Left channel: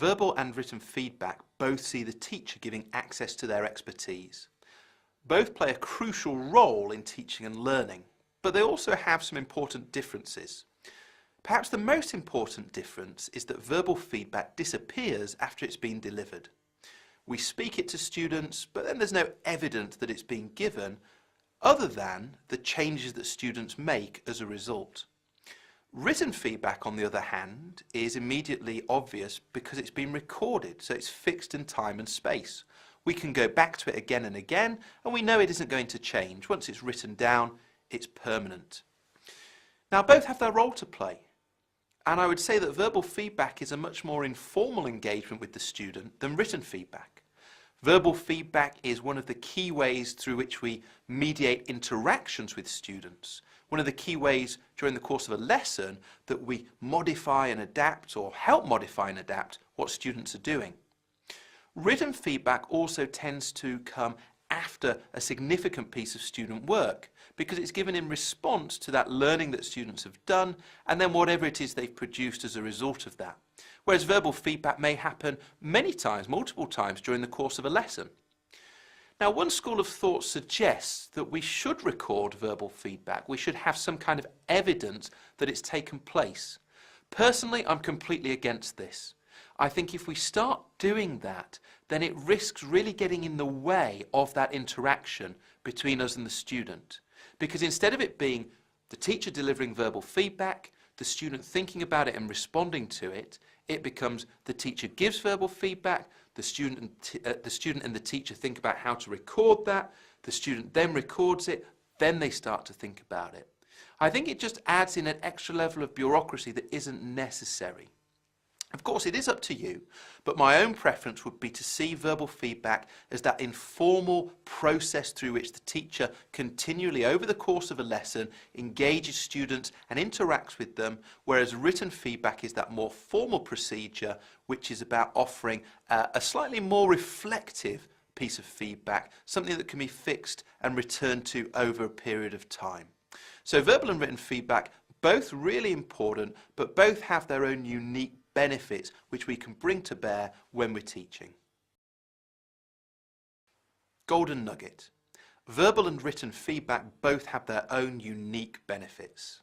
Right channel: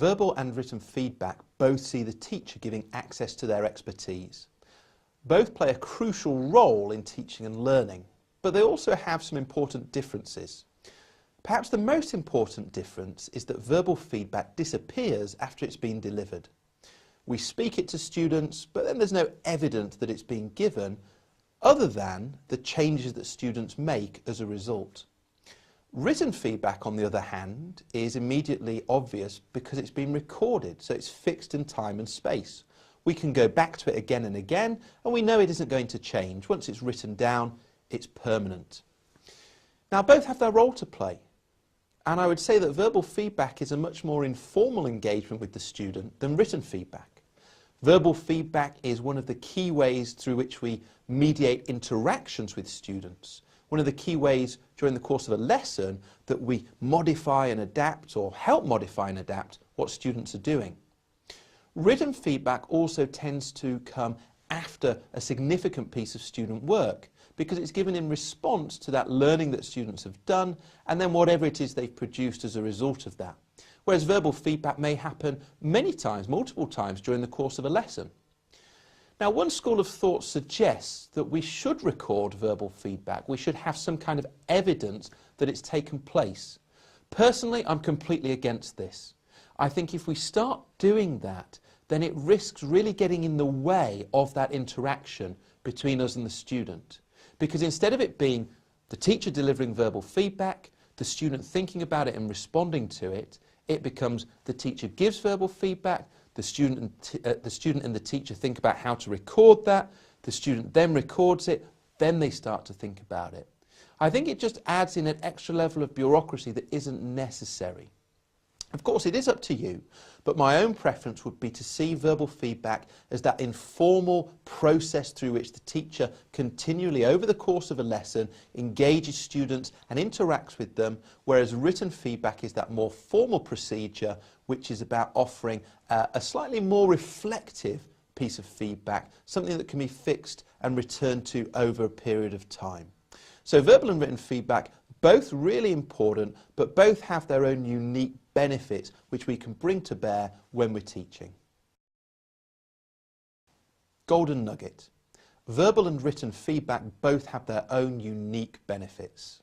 Verbal and written feedback both see the teacher giving access to their expertise. Both play a crucial role in teaching and learning, but they also have some important differences. Perhaps the most important difference is that verbal feedback disappears after it's been delivered. We speak it to students, but then there's no evidence that it's been given, other than the changes that students make as a result. Written feedback, on the other hand, is immediately obvious because it's been recorded, so it's fixed in time and space. We can go back to it again and again, and we know it isn't going to change. Once it's written down, it's permanent. Now, both have their role to play, and I would say that verbal feedback is a much more informal engagement with the student than written feedback. Verbal feedback is one of the key ways through which we mediate interactions with students, one of the key ways during the course of a lesson that we modify and adapt, or help modify and adapt, what students are doing. Written feedback also tends to come after a significant piece of student work because it's given in response to that learning that students have done and then whatever it is they've produced as a result of that. Whereas verbal feedback may happen many times, multiple times during the course of a lesson. Now, one school of thought suggests that we should record verbal feedback. We should have some kind of evidence that it's taken place. Personally, I'm completely against this. I think if we start doing that, then it risks really getting in the way of that interaction between us and the student. Because instead of it being the teacher delivering verbal feedback, the student thinking about it and responding to it, it becomes the teacher gives verbal feedback, the student and the teacher think about how to record that, the student then records it, then they start to think about it. I think it just adds in an extra level of bureaucracy that isn't necessary. Of course, it is up to you, but my own preference would be to see verbal feedback as that informal process through which the teacher continually, over the course of a lesson, engages students and interacts with them, whereas written feedback is that more formal procedure, which is about offering a slightly more reflective piece of feedback, something that can be fixed and returned to over a period of time. So verbal and written feedback, both really important, but both have their own unique benefits which we can bring to bear when we're teaching. Golden nugget. Verbal and written feedback both have their own unique benefits.